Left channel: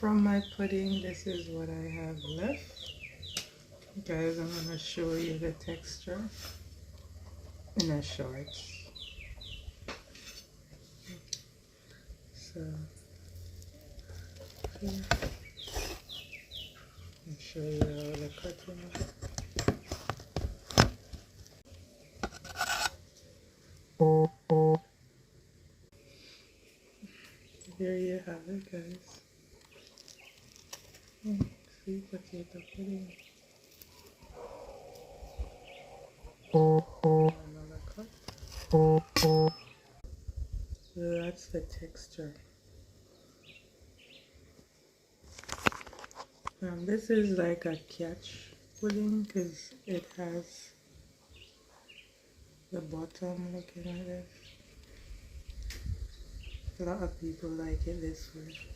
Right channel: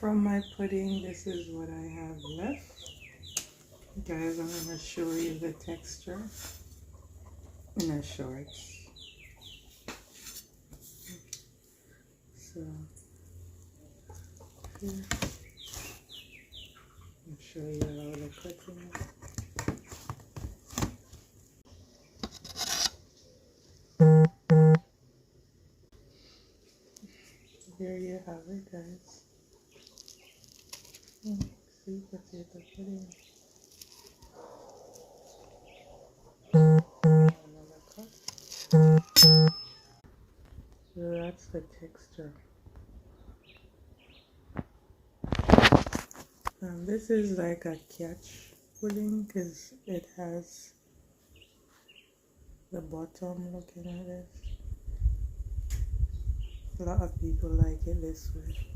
From my pudding, this is what I have left. Guys, I'm going to show you the texture in a shorts. So, here, I'll show you how the cutting is. Here you have it, guys. See, potato pudding. Another cut. So that's the texture. This is like a catch pudding because it has the bottom looking at it. A lot of people like it this way.